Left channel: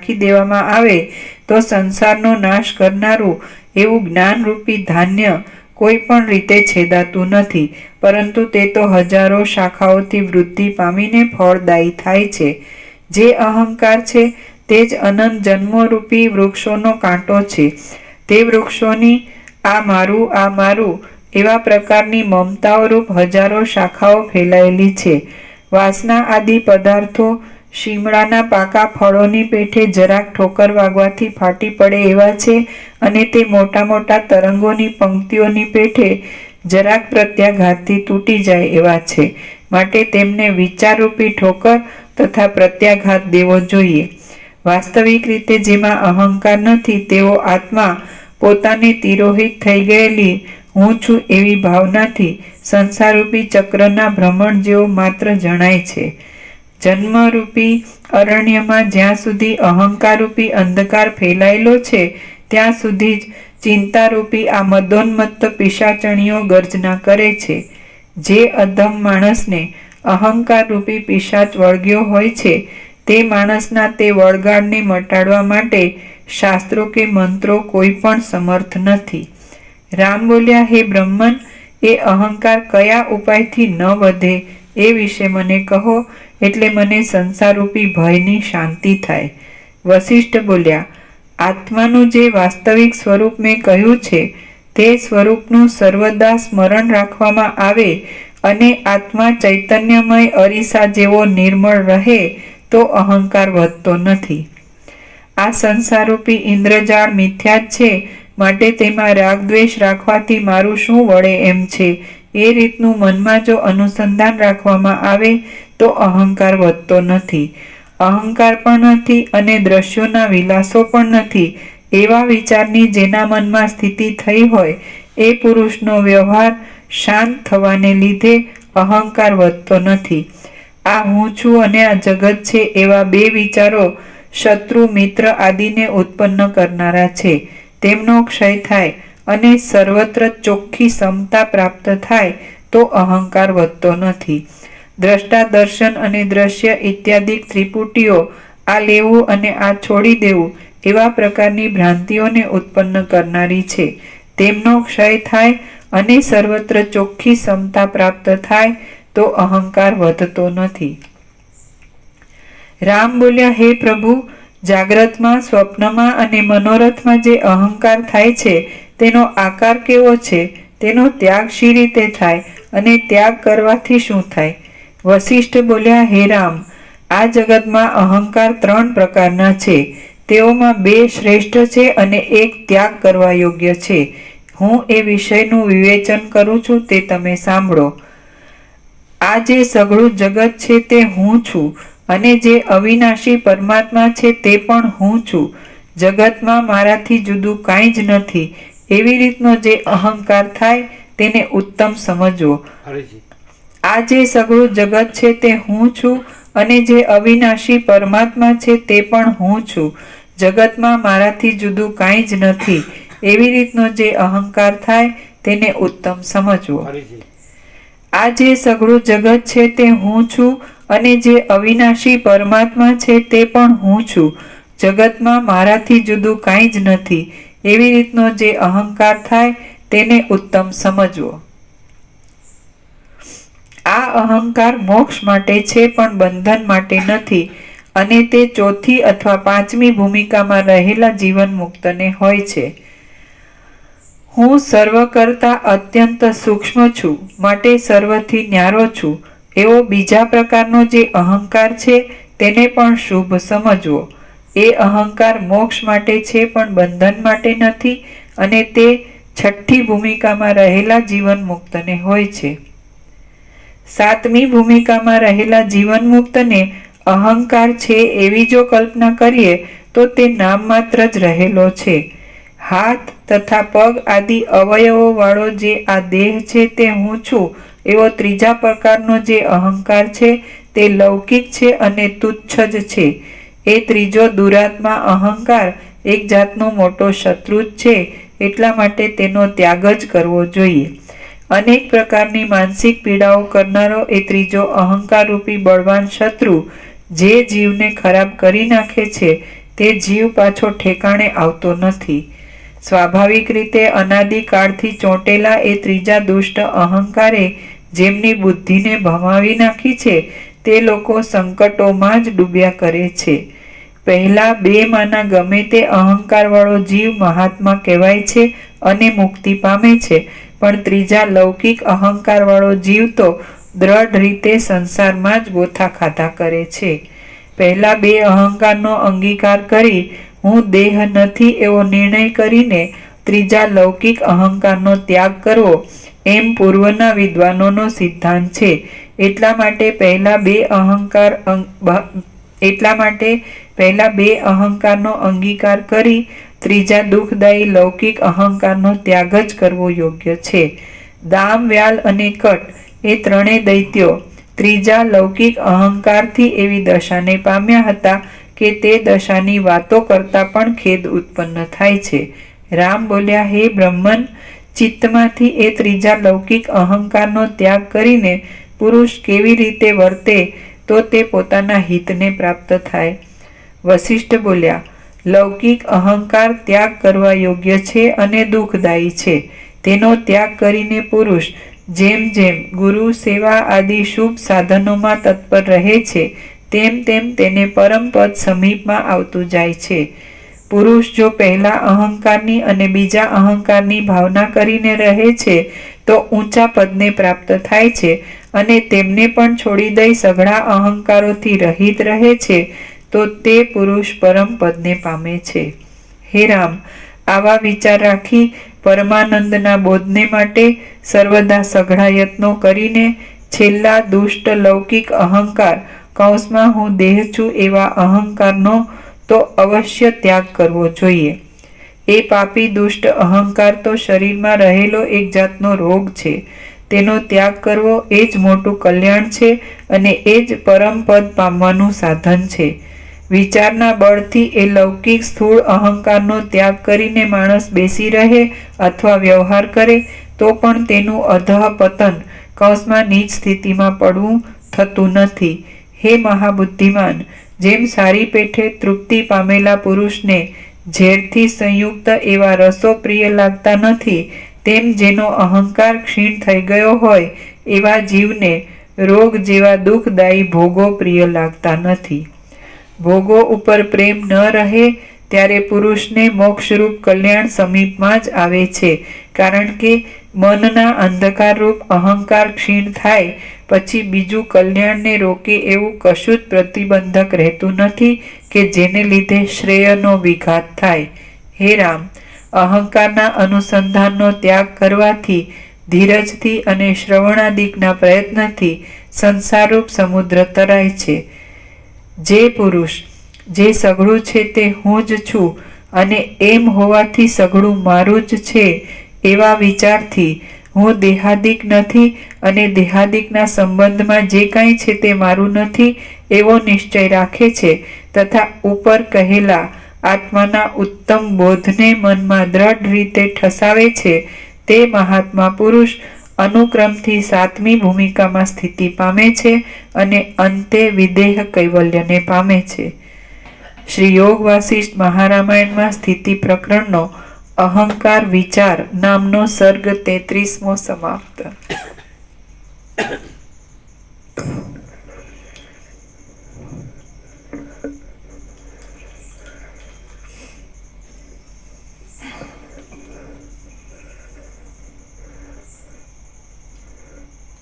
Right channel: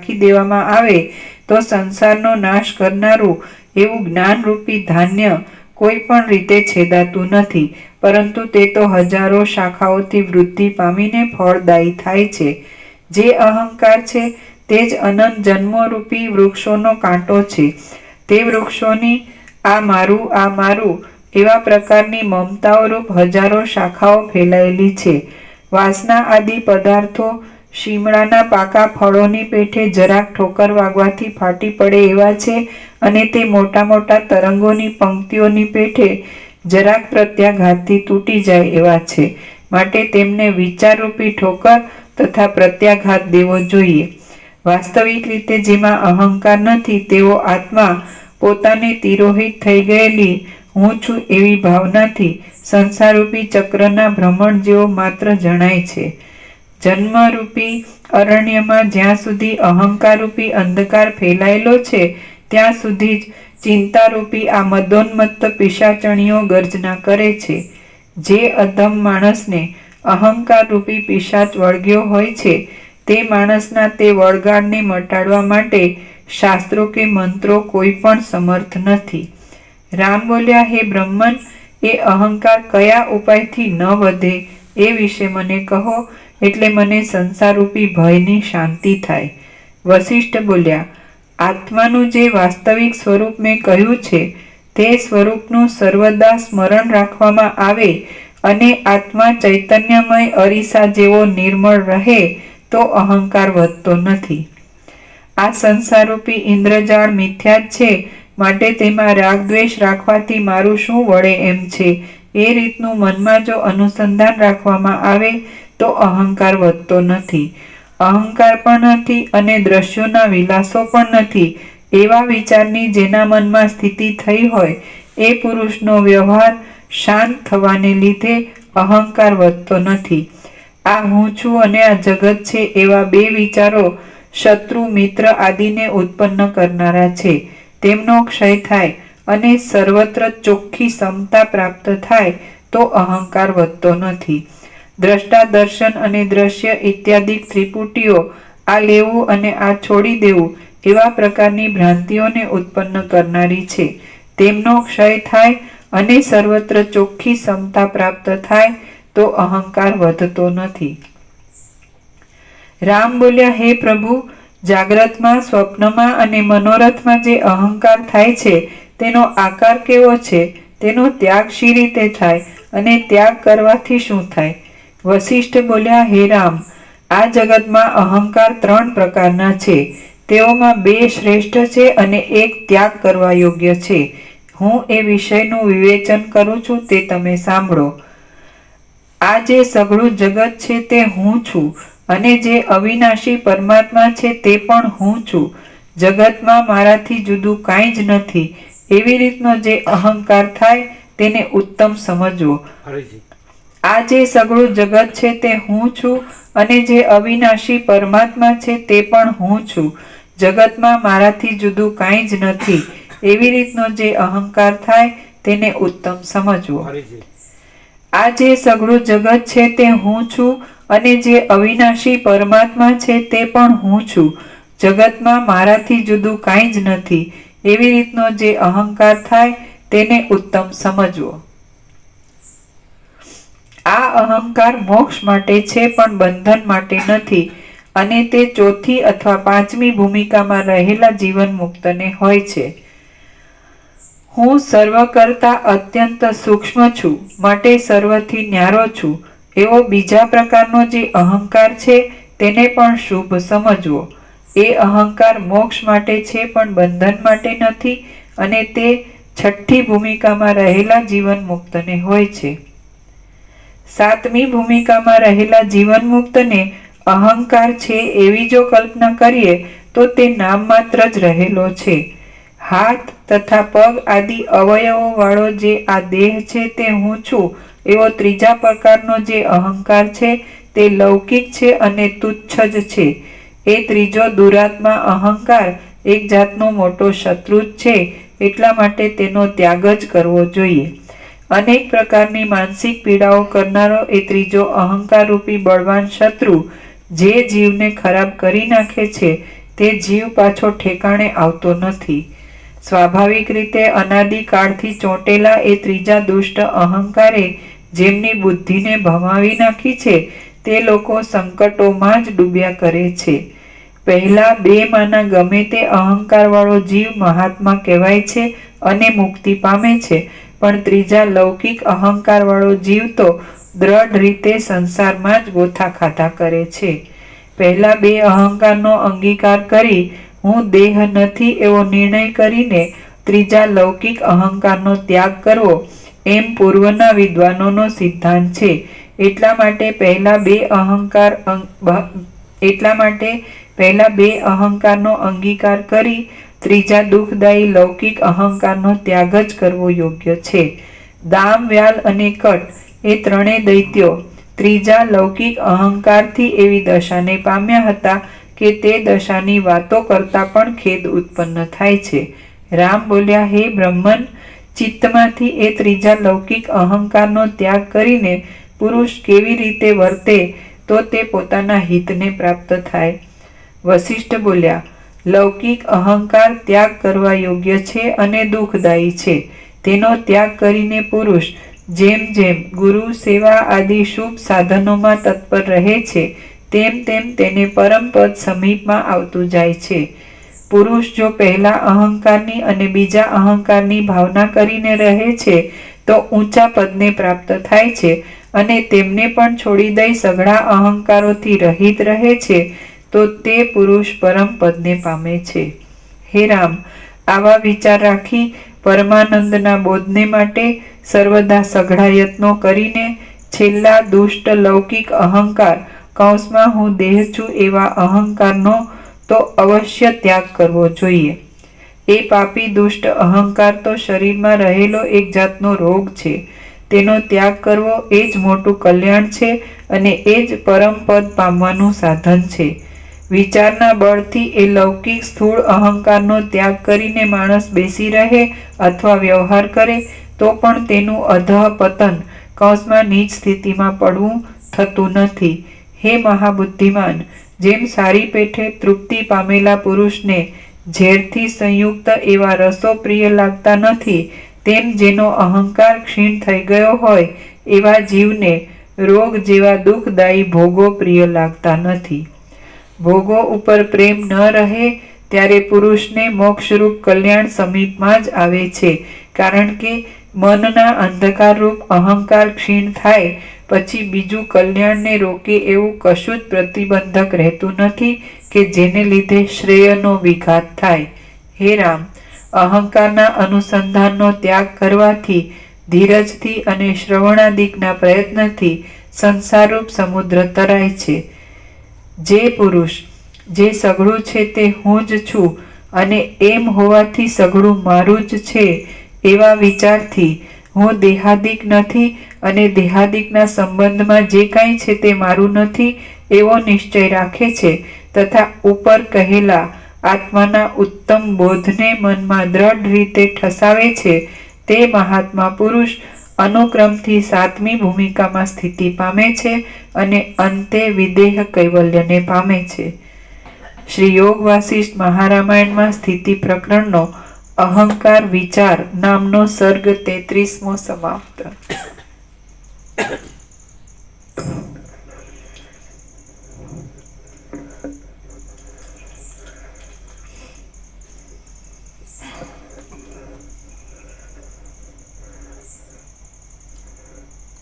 નાખી દેવામાં આવે તો સંસારનો નાશ કરનારું એવું જ્ઞાનરૂપી ધાન્ય કોઈ પણ રીતે છેદાતું નથી, પરંતુ તે તો હજારો શાખાઓથી વૃદ્ધિ પામીને ફળદાયી થાય છે. જે અહંકાર છે તે જ અનંત જન્મોરૂપી વૃક્ષોનો કાંટો છે. તે વૃક્ષોની આ મારું એવા પ્રકારની મમતાઓરૂપ હજારો શાખાઓ ફેલાયેલી છે. વાસના આદિ પદાર્થો શિમળાના પાકા ફળોની પેઠે જરાક ઠોકર વાગવાથી ફાટી પડે એવા છે, અને તે મોટા મોટા તરંગોની પંક્તિઓની પેઠે જરાક પ્રત્યાઘાતથી તૂટી જાય એવા છે. માટે તેમને વિચારરૂપી ઠોકર તથા પ્રત્યાઘાત દેવો જોઈએ. વાસ્તવિક રીતે જેમાં અહંકાર નથી તેવો આત્મા પોતાને તિરોહિત થઈ ગયેલી હું છું એવી ભાવનાથી સંસારરૂપી ચક્રના ભ્રમણ જેવો માત્ર જણાય છે. જન્મરૂપી અરણ્યમાં જ્યાં સુધી અહંકારરૂપી અંધકાર ફેલાયેલો છે ત્યાં સુધી જ ચિંતારૂપી આ મદોન્મત્ત પિશાચણીઓ ગર્જના કરે છે. જે અધમ માણસને અહંકારરૂપી પિશાચ વળગ્યો હોય છે તે માણસના તે વળગાડને મટાડવા માટે શાસ્ત્રો કે મંત્રો કોઈ પણ સમર્થ નથી. રામ બોલ્યા, હે બ્રહ્મન, એ અહંકાર કયા ઉપાયથી ન વધે એ વિશે મને કહો, એટલે મને સંસારરૂપી ભયની શાંતિ થાય. વશિષ્ઠ બોલ્યા, આત્માનું જે વાસ્તવિક સ્વરૂપ મેં કહ્યું છે તે સ્વરૂપનું સર્વદા સ્મરણ રાખવામાં આવે અને આત્મા ચૈતન્યમય અરીસા જેવો નિર્મળ રહે તો અહંકાર વધતો નથી. આ સંસારરૂપી ઇન્દ્રજાળ મિથ્યા જ છે, માટે તેમાં રાગદ્વેષ રાખવાથી મારું શું વળે એમ છે. એ રીતનું મનમાં જો અનુસંધાન રાખવામાં આવે તો અહંકાર વધતો નથી. અહંકાર પણ નથી અને દ્રશ્યોના વિલાસો પણ નથી એવા વિચારની જેના મનમાં સ્થિતિ થઈ હોય એ પુરુષનો વ્યવહાર શાંત થવાને લીધે અહંકાર વધતો નથી. આ હું છું અને આ જગત છે એવા બે વિચારો શત્રુ મિત્ર આદિને ઉત્પન્ન કરનારા છે. તેમનો ક્ષય થાય અને સર્વત્ર ચોખ્ખી સમતા પ્રાપ્ત થાય તો અહંકાર વધતો નથી. દ્રષ્ટા દર્શન અને દ્રશ્ય ઇત્યાદિ ત્રિપુટીઓ આ લેવું અને આ છોડી દેવું એવા પ્રકારની ભ્રાંતિઓને ઉત્પન્ન કરનારી છે. તેમનો ક્ષય થાય અને સર્વત્ર ચોખ્ખી સમતા પ્રાપ્ત થાય તો અહંકાર વધતો નથી. રામ બોલ્યા, હે પ્રભુ, જાગ્રતમાં, સ્વપ્નમાં અને મનોરથમાં જે અહંકાર થાય છે તેનો આકાર કેવો છે? તેનો ત્યાગ શી રીતે થાય અને ત્યાગ કરવાથી શું થાય? વશિષ્ઠ બોલ્યા, હે રામ, આ જગતમાં અહંકાર 3 પ્રકારના છે. તેઓમાં 2 શ્રેષ્ઠ છે અને એક ત્યાગ કરવા યોગ્ય છે. હું એ વિષયનું વિવેચન કરું છું તે તમે સાંભળો. આ જે સઘળું જગત છે તે હું છું અને જે અવિનાશી પરમાત્મા છે તે પણ હું છું. જગતમાં મારાથી જુદું કાંઈ જ નથી એવી રીતનો જે અહંકાર થાય તેને ઉત્તમ સમજવો. આ જે સઘળું જગત છે તે હું છું અને જે અવિનાશી પરમાત્મા છે તે પણ હું છું. જગતમાં મારાથી જુદું કાંઈ જ નથી એવી રીતનો જે અહંકાર થાય તેને ઉત્તમ સમજવો. આ જે સઘળું જગત છે તે હું છું અને જે અવિનાશી પરમાત્મા છે તે પણ હું છું. જગતમાં મારાથી જુદું કાંઈ જ નથી એવી રીતનો જે અહંકાર થાય તેને ઉત્તમ સમજવો. આ અહંકાર મોક્ષ માટે છે પણ બંધન માટે નથી, અને તે 4થી અથવા 5મી ભૂમિકામાં રહેલા જીવન મુક્તને હોય છે. હું સર્વ કરતા અત્યંત સૂક્ષ્મ છું, માટે સર્વથી ન્યારો છું એવો બીજા પ્રકારનો જે અહંકાર છે તેને પણ શુભ સમજવો. એ અહંકાર મોક્ષ માટે છે પણ બંધન માટે નથી, અને તે 6ઠ્ઠી ભૂમિકામાં રહેલા જીવન મુક્તને હોય છે. 7મી ભૂમિકામાં રહેલા જીવન મુક્તને અહંકાર છે એવી જો કલ્પના કરીએ તો તે નામ માત્ર જ રહેલો છે. હાથ તથા પગ આદિ અવયવો વાળો જે આ દેહ છે તે હું છું એવો ત્રીજા પ્રકારનો જે અહંકાર છે તે લૌકિક છે અને તુચ્છ જ છે. એ ત્રીજો દુરાત્મા અહંકાર એક જાતનો મોટો શત્રુ જ છે, એટલા માટે તેનો ત્યાગ જ કરવો જોઈએ. અનેક પ્રકારની માનસિક પીડાઓ કરનારો એ ત્રીજો અહંકાર રૂપી બળવાન શત્રુ જે જીવને ખરાબ કરી નાખે છે તે જીવ પાછો ઠેકાણે આવતો નથી. સ્વાભાવિક રીતે અનાદિકાળથી ચોંટેલા એ ત્રીજા દુષ્ટ અહંકારે જેમની બુદ્ધિને ભમાવી નાખી છે તે લોકો સંકટોમાં જ ડૂબ્યા કરે છે. પહેલા બેમાંના ગમે તે અહંકારવાળો જીવ મહાત્મા કહેવાય છે અને મુક્તિ પામે છે, પણ ત્રીજા લૌકિક અહંકારવાળો જીવ તો દ્રઢ રીતે સંસારમાં જ ગોથા ખાધા કરે છે. પહેલા બે અહંકારનો અંગીકાર કરી હું દેહ નથી એવો નિર્ણય કરીને ત્રીજા લૌકિક અહંકારનો ત્યાગ કરવો એમ પૂર્વના વિદ્વાનોનો સિદ્ધાંત છે. એટલા માટે પહેલા બે અહંકારનો અંગીકાર કરી ત્રીજા દુઃખદાયી લૌકિક અહંકારનો ત્યાગ જ કરવો યોગ્ય છે. દામ, વ્યાલ અને કટ એ ત્રણેય દૈત્યો ત્રીજા લૌકિક અહંકારથી એવી દશાને પામ્યા હતા કે તે દશાની વાતો કરતા પણ ખેદ ઉત્પન્ન થાય છે. રામ બોલ્યા, હે બ્રહ્મન, ચિત્તમાંથી એ ત્રીજા લૌકિક અહંકારનો ત્યાગ કરીને પુરુષ કેવી રીતે વર્તે તો તે પોતાના હિતને પ્રાપ્ત થાય? વશિષ્ઠ બોલ્યા, લૌકિક અહંકાર ત્યાગ કરવા યોગ્ય છે અને દુઃખદાયી છે. તેનો ત્યાગ કરીને પુરુષ જેમ જેમ ગુરુ સેવા આદિ શુભ સાધનોમાં તત્પર રહે છે તેમ તેમ તેને પરમ પદ સમીપમાં આવતું જાય છે. પુરુષ જો પહેલા અહંકારની અને બીજા અહંકારની ભાવના કરીને રહે છે તો ઊંચા પદને પ્રાપ્ત થાય છે અને તેમને પણ છોડી દઈ સઘળા અહંકારોથી રહિત રહે છે તો તે પુરુષ પરમ પદને પામે છે. હે રામ, આવા વિચાર રાખી પરમાનંદના બોધને માટે સર્વદા સઘળા યત્નો કરીને છેલ્લા દુષ્ટ લૌકિક અહંકાર કૌંસમાં હું દેહ છું એવા અહંકારનો તો અવશ્ય ત્યાગ કરવો જોઈએ. એ પાપી દુષ્ટ અહંકાર તો શરીરમાં રહેલો એક જાતનો રોગ છે. તેનો ત્યાગ કરવો એ જ મોટું કલ્યાણ છે અને એ જ પરમ પદ પામવાનું સાધન છે. વિચારના બળથી એ લૌકિક સ્થૂળ અહંકારનો ત્યાગ કરીને માણસ બેસી રહે અથવા વ્યવહાર કરે તો પણ તેનું અધઃ પતન કૌંસમાં નીચ સ્થિતિમાં પડવું થતું નથી. હે મહાબુદ્ધિમાન, જેમ સારી પેઠે તૃપ્તિ પામેલા પુરુષને ઝેરથી સંયુક્ત એવા રસો પ્રિય લાગતા નથી, તેમ જેનો અહંકાર ક્ષીણ થઈ ગયો હોય એવા જીવને રોગ જેવા દુઃખદાયી ભોગો પ્રિય લાગતા નથી. ભોગો ઉપર પ્રેમ ન રહે ત્યારે પુરુષને મોક્ષરૂપ કલ્યાણ સમીપમાં જ આવે છે, કારણ કે મનના અંધકારરૂપ અહંકાર ક્ષીણ થાય પછી બીજું કલ્યાણને રોકે એવું કશું જ પ્રતિબંધક રહેતું નથી કે જેને લીધે શ્રેયનો વિઘાત થાય. હે રામ, અહંકારના અનુસંધાનનો ત્યાગ કરવાથી ધીરજથી અને શ્રવણાદિકના પ્રયત્નથી સંસારરૂપ સમુદ્ર તરાય છે. જે પુરુષ જે સઘળું છે તે હું જ છું અને એમ હોવાથી સઘળું મારું જ છે એવા વિચારથી હું દેહાદિક નથી અને દેહાદિકના સંબંધમાં જે કાંઈ છે તે મારું નથી એવો નિશ્ચય રાખે છે તથા ઉપર કહેલા આત્માના ઉત્તમ બોધને મનમાં દ્રઢ રીતે ઠસાવે છે તે મહાત્મા પુરુષ અનુક્રમથી સાતમી ભૂમિકામાં સ્થિતિ પામે છે અને અંતે વિદેહ કૈવલ્યને પામે છે. શ્રી યોગ વાસિષ્ઠ મહારામાયણમાં સ્થિતિ પ્રકરણનો અહંકાર વિચાર નામનો સર્ગ 33મો સમાપ્ત.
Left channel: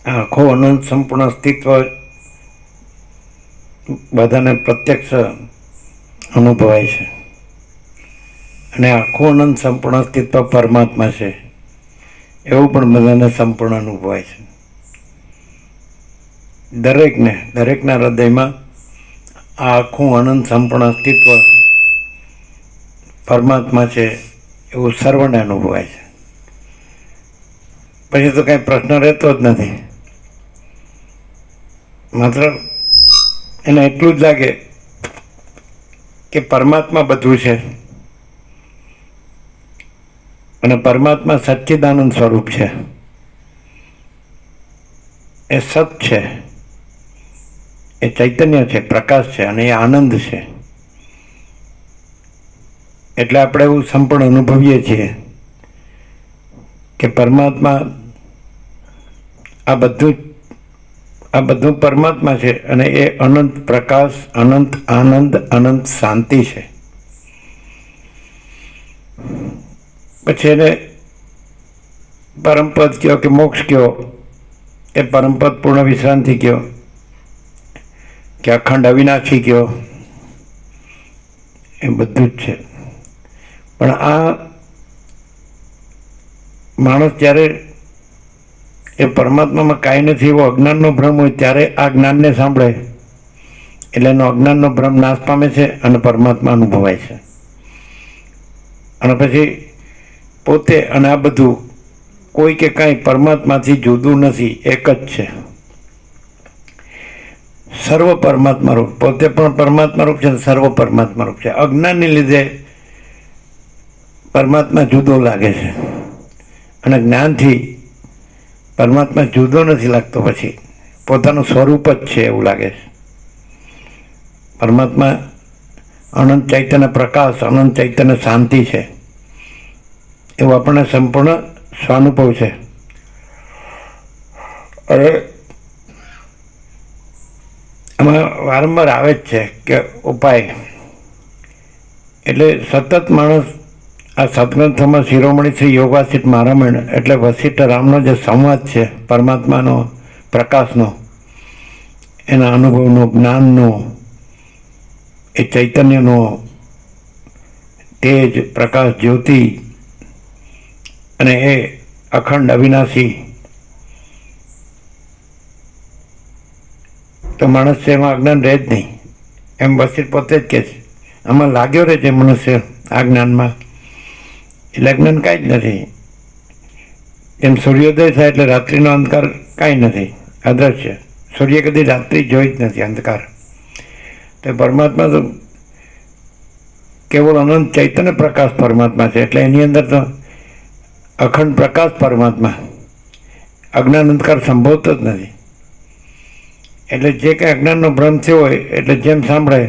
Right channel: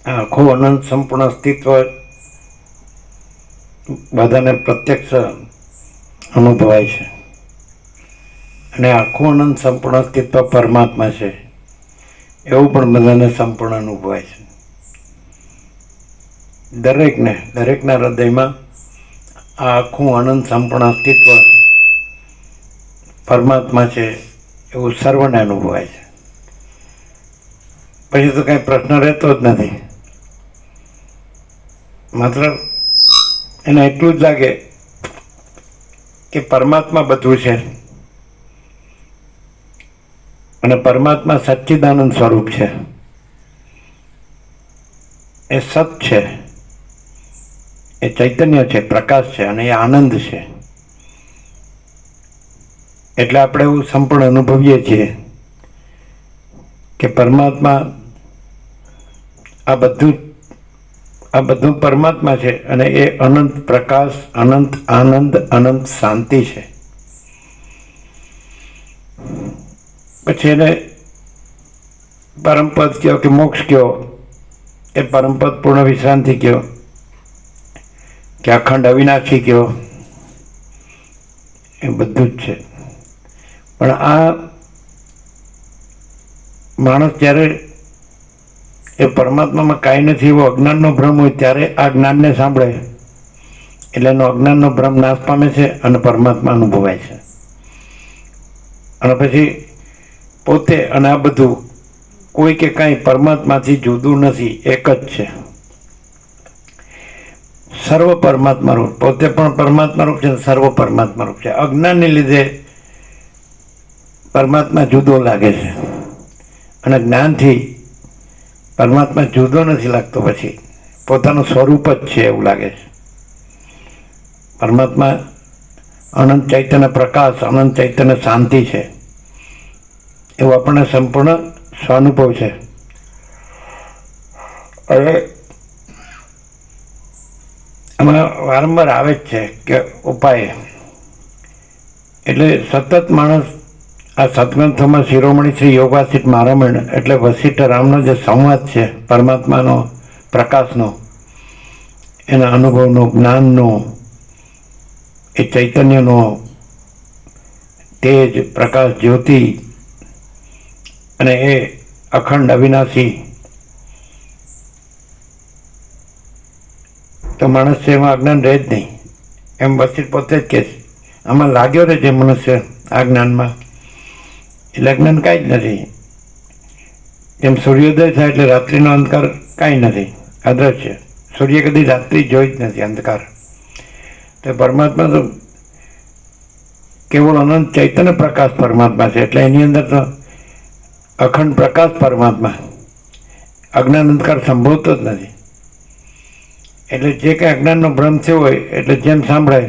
આખું અનંત સંપૂર્ણ અસ્તિત્વ બધાને પ્રત્યક્ષ અનુભવાય છે અને આખું અનંત સંપૂર્ણ અસ્તિત્વ પરમાત્મા છે એવું પણ બધાને સંપૂર્ણ અનુભવાય છે. દરેકના હૃદયમાં આ આખું અનંત સંપૂર્ણ અસ્તિત્વ પરમાત્મા છે એવું સર્વને અનુભવાય છે. પછી તો કાંઈ પ્રશ્ન રહેતો જ નથી. માત્ર એને એટલું જ લાગે કે પરમાત્મા બધું છે અને પરમાત્મા સચ્ચિદાનંદ સ્વરૂપ છે, એ સત છે, એ ચૈતન્ય છે, પ્રકાશ છે અને એ આનંદ છે. એટલે આપણે એવું સંપૂર્ણ અનુભવીએ છીએ કે પરમાત્મા આ બધું પરમાત્મા છે અને એ અનંત પ્રકાશ, અનંત આનંદ, અનંત શાંતિ છે. પછી એને પરમપદ કહો કે મોક્ષ કહો, એ પરમપદ પૂર્ણ વિશ્રાંતિ કહો કે અખંડ અવિનાશી કહો, એ બધું જ છે. પણ આ માણસ જ્યારે એ પરમાત્મામાં કાંઈ નથી એવો અજ્ઞાનનો ભ્રમ હોય ત્યારે આ જ્ઞાનને સાંભળે એટલે એનો અજ્ઞાનનો ભ્રમ નાશ પામે છે અને પરમાત્મા અનુભવાય છે. અને પછી પોતે અને આ બધું કોઈ કે કાંઈ પરમાત્માથી જુદું નથી, એક જ છે. સર્વ પરમાત્મા રૂપ, પોતે પણ પરમાત્મા રૂપ છે, સર્વ પરમાત્મા રૂપ છે. અજ્ઞાનને લીધે પરમાત્મા જુદો લાગે છે અને જ્ઞાનથી પરમાત્મા જુદો નથી લાગતો, પછી પોતાનું સ્વરૂપ જ છે એવું લાગે છે. પરમાત્મા અનંત ચૈતન્ય પ્રકાશ, અનંત ચૈતન્ય શાંતિ છે એવું આપણને સંપૂર્ણ સ્વાનુભવ છે. હવે એમાં વારંવાર આવે જ છે કે ઉપાય, એટલે સતત માણસ આ સત્ગ્રંથોમાં શિરોમણી શ્રી યોગાસિત મારામણ એટલે વશિષ્ઠ રામનો જે સંવાદ છે પરમાત્માનો પ્રકાશનો, એના અનુભવનો, જ્ઞાનનો, એ ચૈતન્યનો તેજ, પ્રકાશ, જ્યોતિ અને એ અખંડ અવિનાશી, તો માણસ એમાં અજ્ઞાન રહે જ નહીં. એમ વશિષ્ઠ પોતે જ કહે છે, આમાં લાગ્યો રહે છે મનુષ્ય આ જ્ઞાનમાં, એટલે અજ્ઞાન કાંઈ જ નથી. જેમ સૂર્યોદય થાય એટલે રાત્રિનો અંધકાર કાંઈ નથી, અદૃશ્ય. સૂર્ય કદી રાત્રિ જોઈ જ નથી, અંધકાર. તો પરમાત્મા તો કેવળ અનંત ચૈતન્ય પ્રકાશ પરમાત્મા છે, એટલે એની અંદર તો અખંડ પ્રકાશ પરમાત્મા, અજ્ઞાન અંધકાર સંભવતો જ નથી. એટલે જે કંઈ અજ્ઞાનનો ભ્રમ થયો હોય એટલે જેમ સાંભળે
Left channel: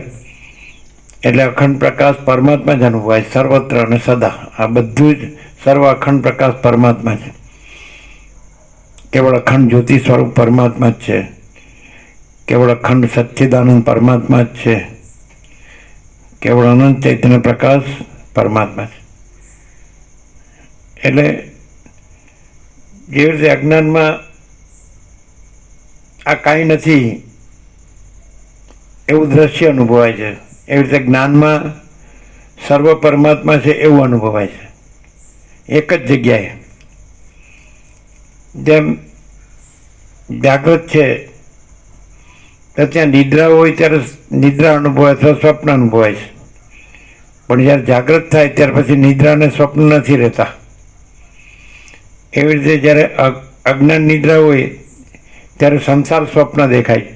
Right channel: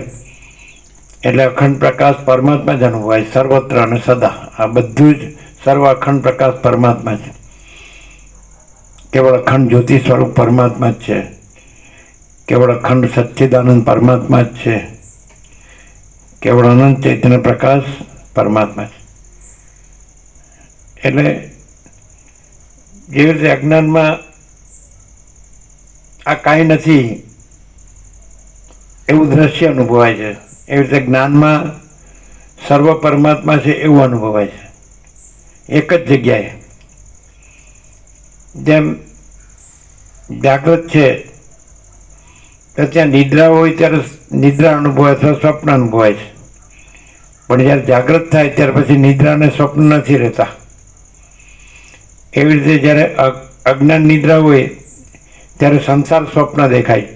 એટલે અખંડ પ્રકાશ પરમાત્મા જ અનુભવાય સર્વત્ર અને સદા. આ બધું જ સર્વ અખંડ પ્રકાશ પરમાત્મા છે. કેવળ અખંડ જ્યોતિ સ્વરૂપ પરમાત્મા જ છે, કેવળ અખંડ સચ્ચિદાનંદ પરમાત્મા જ છે, કેવળ અનંત ચૈતન્ય પ્રકાશ પરમાત્મા છે. એટલે જેવી રીતે અજ્ઞાનમાં આ કાંઈ નથી એવું દ્રશ્ય અનુભવાય છે, એવી રીતે જ્ઞાનમાં સર્વ પરમાત્મા છે એવું અનુભવાય છે એક જ જગ્યાએ. જેમ જાગૃત છે તો ત્યાં નિદ્રા હોય ત્યારે નિદ્રા અનુભવાય અથવા સ્વપ્ન અનુભવાય છે, પણ જ્યારે જાગૃત થાય ત્યાર પછી નિદ્રા અને સ્વપ્ન નથી રહેતા. એવી રીતે જ્યારે અજ્ઞાન નિદ્રા હોય ત્યારે સંસાર સ્વપ્ન દેખાય,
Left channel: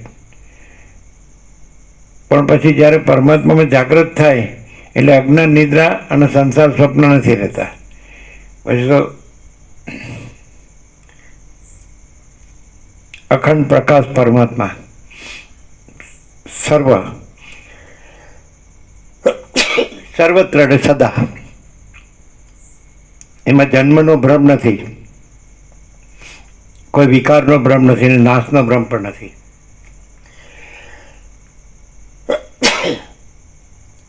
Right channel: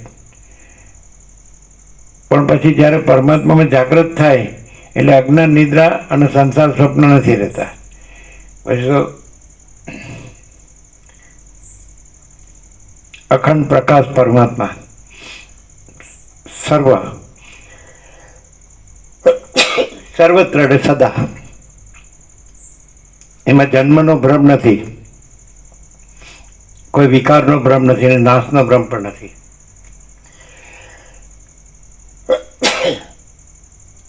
પણ પછી જ્યારે પરમાત્મામાં જાગૃત થાય એટલે અજ્ઞાન નિદ્રા અને સંસાર સ્વપ્ન નથી રહેતા. પછી તો અખંડ પ્રકાશ પરમાત્મા સર્વત્ર અને સદા, એમાં જન્મનો ભ્રમ નથી, કોઈ વિકારનો ભ્રમ નથી અને નાશનો ભ્રમ પણ નથી.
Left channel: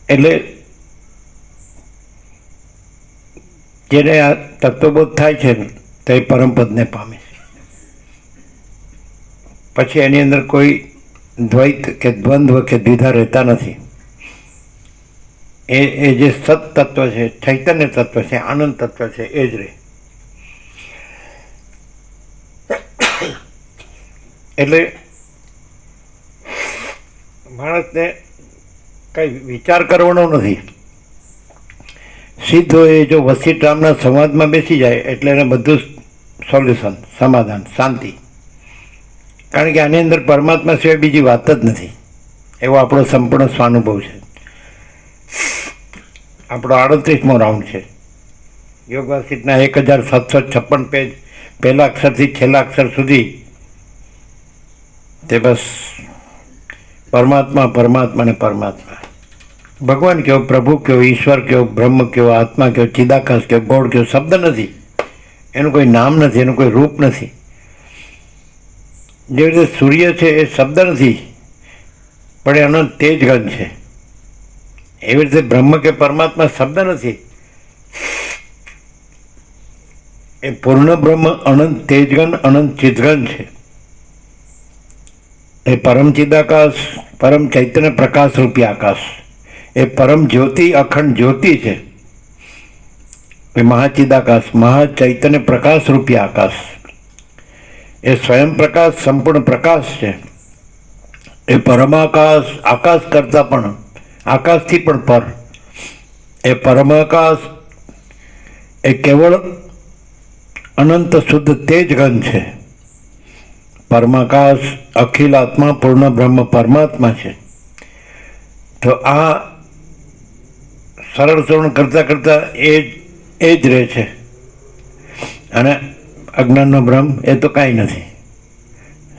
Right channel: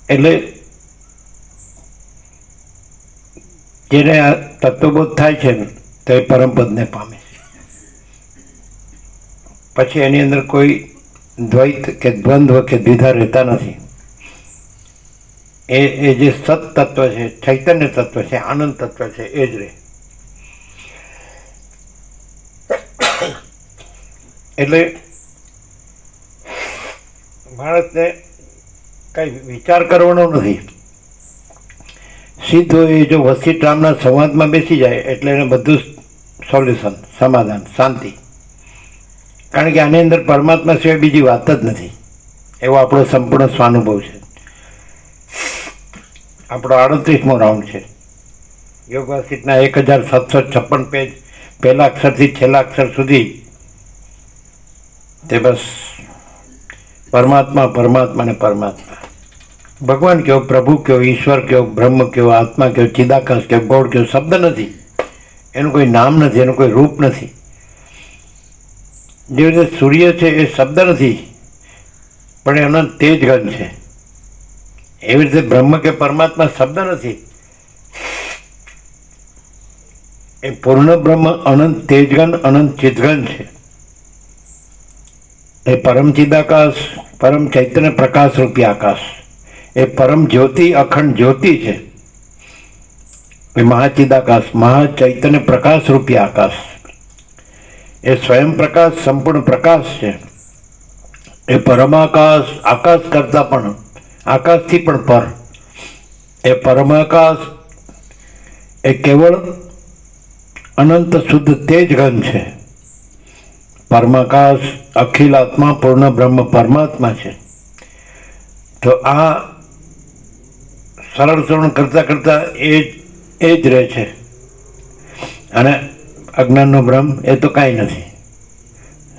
એટલે જેને આ તત્વબોધ થાય છે ને તો એ પરમપદને પામે છે. પછી એની અંદર કોઈ દ્વૈત કે દ્વંદ્વ કે દ્વિધા રહેતા નથી. એ જે સત તત્વ છે, ચૈતન્ય તત્વ છે, આનંદ તત્વ છે, એ જ રહે. એટલે માણસને કંઈ વિચાર કરવાનો નથી, સીધો એ જો વશિષ્ઠ રામના સંવાદમાં બેસી જાય એટલે એને બધું સોલ્યુશન, સમાધાન, શાંતિ. કારણ કે આની અંદર પરમાત્મા સિવાય બીજી વાત જ નથી, એવો આપણો સંપૂર્ણ સ્વાનુભવ છે. આપણો 38મો રાઉન્ડ છે યોગ વશિષ્ઠના 1756 પેજ, પહેલા અક્ષરથી છેલ્લા અક્ષર સુધી તે બસ પરમાત્મા, પરમાત્મા ને પરમાત્મા. ભગવાન કયો, પ્રભુ કયો, ઈશ્વર કયો, બ્રહ્મ કયો, આત્મા કયો, ચિદાકાશ કયો, ગોળ કયો, શબ્દ નથી, એનું કોઈ નામ નથી, એનું કોઈ રૂપ નથી. જે રીતે સૂર્ય છે એ શબ્દ નથી, પણ એનો તેજગન છે. એવી રીતે બ્રહ્મ કે પરમાત્મા શબ્દ નથી, એ પૂર્ણ બ્રહ્મ અનંત તેજગન, અનંત ચિદગન છે. એ પરમ ચિદાકાશ, પરમ ચૈતન્ય પ્રકાશ રૂપી આકાશ, એ પરમ જ્યોતિ, અખંડ જ્યોતિ છે. એ મહાચિદાકાશ, મહાચૈતન્ય પ્રકાશ રૂપી આકાશ, એ સ્વયં પ્રકાશ, સંપૂર્ણ પ્રકાશ છે. એ પરમાકાશ, આકાશ કરતાં પણ, આકાશથી પણ પર, એ પરમાકાશ એ કેવળ અનંત શુદ્ધ તેજગન છે. પરમાકાશ અખિલ આત્મા પૂર્ણ બ્રહ્મ પરમાત્મા છે. તો આ સરળ શ્રવણ કરતાં કરતાં એ જ રહે છે. અને અજ્ઞાનનો બ્રહ્મ એ તો કાંઈ નથી.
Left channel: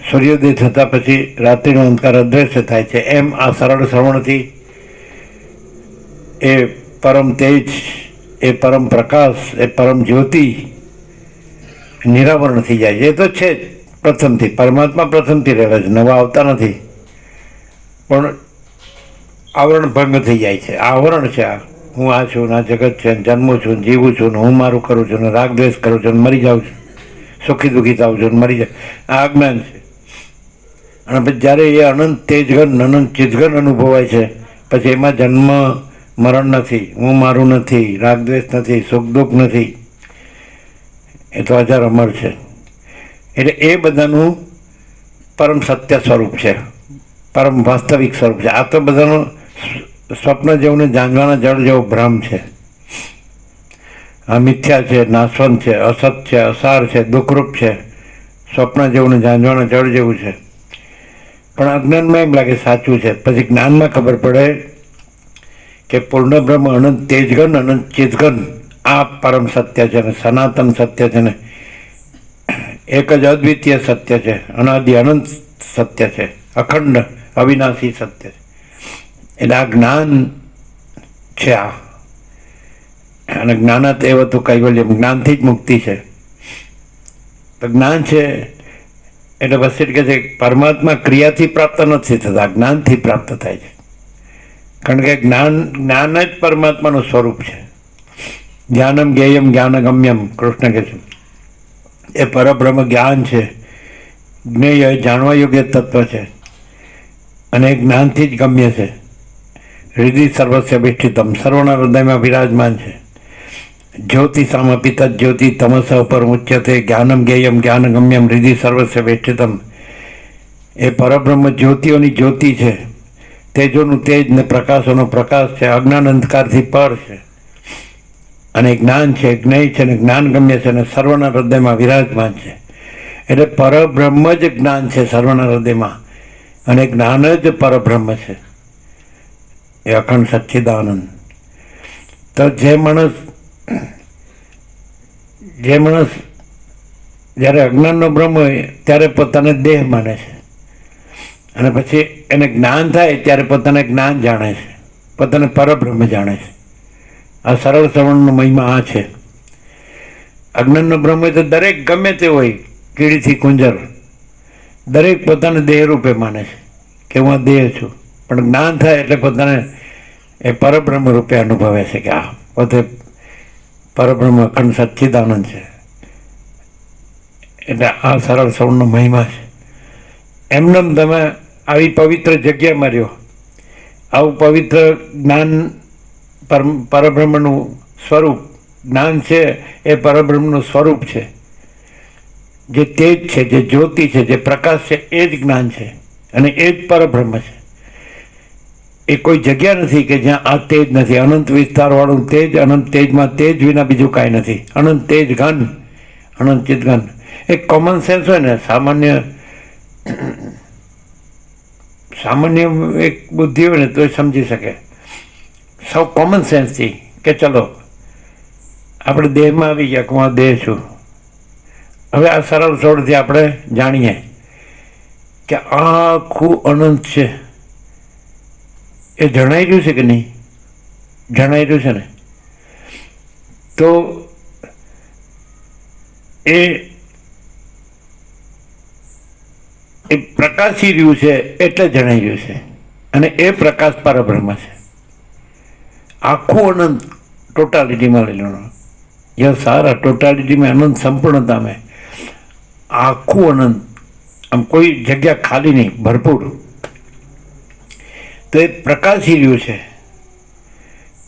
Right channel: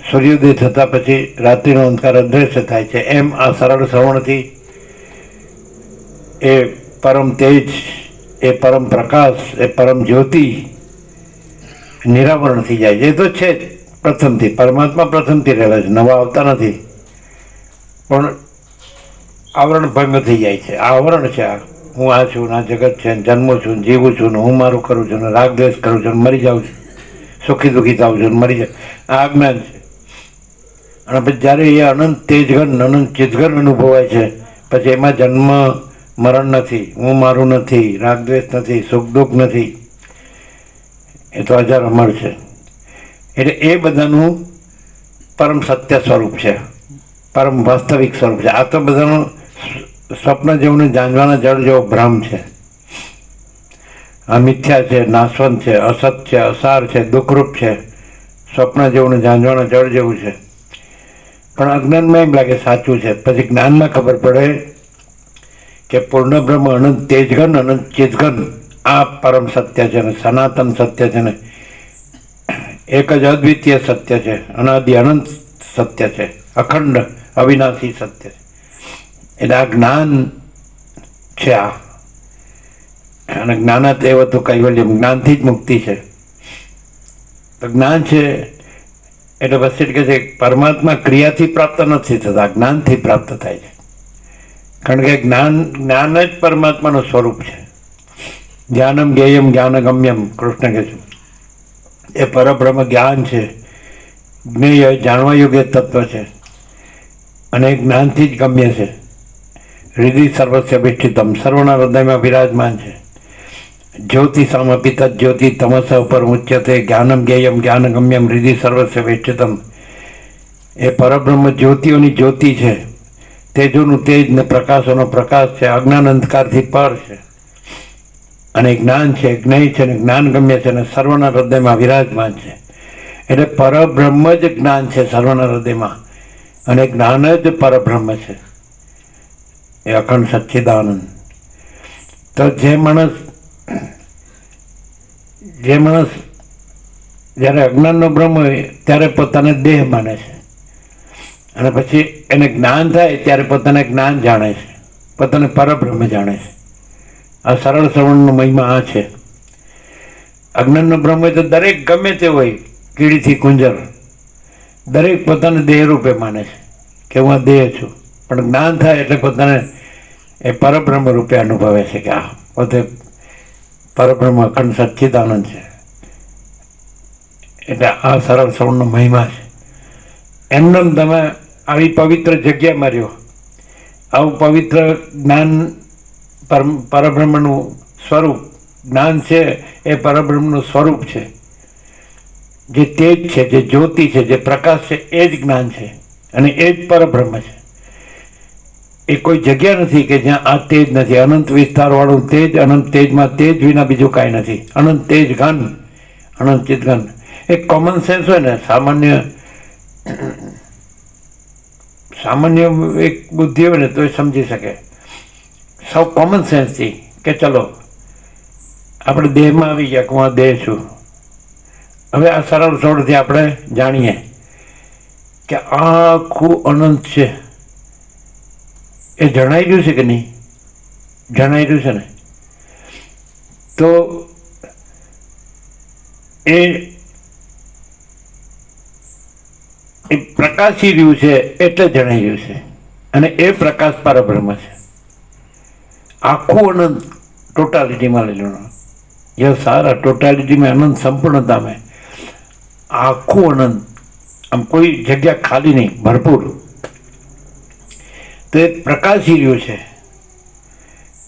સૂર્યોદય થતાં પછી રાત્રિનો અંધકાર અદૃશ્ય થાય છે. એમ આ સરળ શ્રવણથી એ પરમ તેજ, એ પરમ પ્રકાશ, એ પરમ જ્યોતિ નિરાવરણ થઈ જાય છે. એ તો છે જ પ્રથમથી, પરમાત્મા પ્રથમથી રહેલા છે, નવા આવતા નથી. પણ આવરણ ભંગ થઈ જાય છે. આ આવરણ છે. આ હું આ છું, આ જગત છે, જન્મું છું, જીવું છું, ને હું મારું કરું છું, ને રાગ દ્વેષ કરું છું, ને મરી જાઉં છું, સુખી દુઃખી થાઉં છું, ને મરી જાય. આ અજ્ઞાન છે. અને પછી જ્યારે એ અનંત તેજગન, અનંત ચિદગન અનુભવાય છે, પછી એમાં જન્મ મરણ નથી, હું મારું નથી, રાગ દ્વેષ નથી, સુખ દુઃખ નથી, એ તો અજર અમર છે. એટલે એ બધાનું પરમ સત્ય સ્વરૂપ છે, પરમ વાસ્તવિક સ્વરૂપ છે. આ તો બધાનું સ્વપ્ન જેવું ને જાંજવાના જળ જેવો ભ્રમ છે. આ મિથ્યા છે, નાશવંત છે, અસત છે, અસાર છે, દુઃખરૂપ છે, સ્વપ્ન જેવું ને જાંજવાના જળ જેવું છે. પણ અજ્ઞાનમાં એમ લાગે સાચું છે. પછી જ્ઞાનમાં ખબર પડે કે પૂર્ણ બ્રહ્મ અનંત તેજગન, અનંત ચિદગન આ પરમ સત્ય છે, ને સનાતન સત્ય છે, ને એક જ અદ્વિતીય સત્ય છે, અનાદિ અનંત સત્ય છે, અખંડ અવિનાશી સત્ય છે. એટલે આ જ્ઞાન છે. આ અને જ્ઞાનાત એવ તો કૈવલ્યમ, જ્ઞાનથી જ મુક્તિ છે. તો જ્ઞાન છે એટલે પછી કહે છે પરમાત્મા ક્રિયાથી પ્રાપ્ત નથી થતા, જ્ઞાનથી પ્રાપ્ત થાય છે. કારણ કે જ્ઞાન જ પરમાત્માનું સ્વરૂપ છે. જ્ઞાનમ જ્ઞેયમ જ્ઞાનગમ્યમ, કૃષ્ણ કહે છે એ પરબ્રહ્મ જ્ઞાન છે. જ્ઞેય જાણવા યોગ્ય તત્વ છે, અને એ જ્ઞાનથી જ ગમ્ય છે. હૃદય સર્વસ્ય અભિષ્ઠિતમ, સર્વના હૃદયમાં વિરાજમાન છે. જ્યોતિ સામપિત જ્યોતિ તમસ પર ઉચ્યતે, જ્ઞાનમ જ્ઞેયમ જ્ઞાનગમ્યમ હૃદય સર્વસ્ય અભિષ્ઠિતમ. એ પરબ્રહ્મ જ્યોતિઓની જ્યોતિ છે, તેજોનું તેજ ને પ્રકાશોનો પ્રકાશ છે, અજ્ઞાન અંધકારથી પર છે. અને જ્ઞાન છે, જ્ઞેય છે, ને જ્ઞાન ગમ્ય છે, ને સર્વના હૃદયમાં વિરાજમાન છે. એટલે પરબ્રહ્મ જ જ્ઞાન છે સર્વના હૃદયમાં, અને જ્ઞાન જ પરબ્રહ્મ છે, એ અખંડ સચ્ચિદાનંદ. તો જે માણસ જ્યારે અજ્ઞાનનો બ્રહ્મ હોય ત્યારે પોતાને દેહ માને છે, અને પછી એને જ્ઞાન થાય ત્યારે પોતાને જ્ઞાન જાણે છે, પોતાને પરબ્રહ્મ જાણે છે. આ સરળ શ્રવણનો મહિમા આ છે. અજ્ઞાનનો બ્રહ્મ હોય તો દરેક ગમે તે હોય, કીડીથી કુંજર, દરેક પોતાને દેહ રૂપે માને છે કે હું આ દેહ છું. પણ જ્ઞાન થાય એટલે પોતાને એ પરબ્રહ્મ રૂપે અનુભવે છે કે આ પોતે પરબ્રહ્મ અખંડ સચ્ચિદાનંદ છે. એટલે આ સરળ શ્રવણનો મહિમા છે. એમને તમે આવી પવિત્ર જગ્યામાં રહ્યો, આવું પવિત્ર જ્ઞાન, પરબ્રહ્મનું સ્વરૂપ જ્ઞાન છે, એ પરબ્રહ્મનું સ્વરૂપ છે. જે તેજ છે, જે જ્યોતિ છે, જે પ્રકાશ છે, એ જ જ્ઞાન છે, અને એ જ પરબ્રહ્મ છે. એ કોઈ જગ્યા નથી કે જ્યાં આ તેજ નથી. અનંત વિસ્તારવાળું તેજ, અનંત તેજમાં તેજ વિના બીજું કાંઈ નથી. અનંત તેજ ઘન, અનંત ચિદઘન. એક કોમન સેન્સ હોય ને, સામાન્ય એક બુદ્ધિ હોય ને તો એ સમજી શકે સૌ કોમન સેન્સથી કે ચલો આપણે દેહમાં આવી ગયા કે હું આ દેહ છું. હવે આ સરળ સોળથી આપણે જાણીએ કે આખું અનંત છે. એ જણાઈ ગયું છે કે નહીં? જણાઈ રહ્યું છે ને, તો એ પ્રકાશી રહ્યું છે એટલે જણાઈ રહ્યું છે. અને એ પ્રકાશ પરબ્રહ્મ છે. આખું અનંત ટોટાલિટીમાં લઈ લો, યહ સારા ટોટાલિટીમાં અનંત સંપૂર્ણતા में આખું અનંત, આમ કોઈ જગ્યા ખાલી નહીં, ભરપૂર. તો એ પ્રકાશી રહ્યું છે.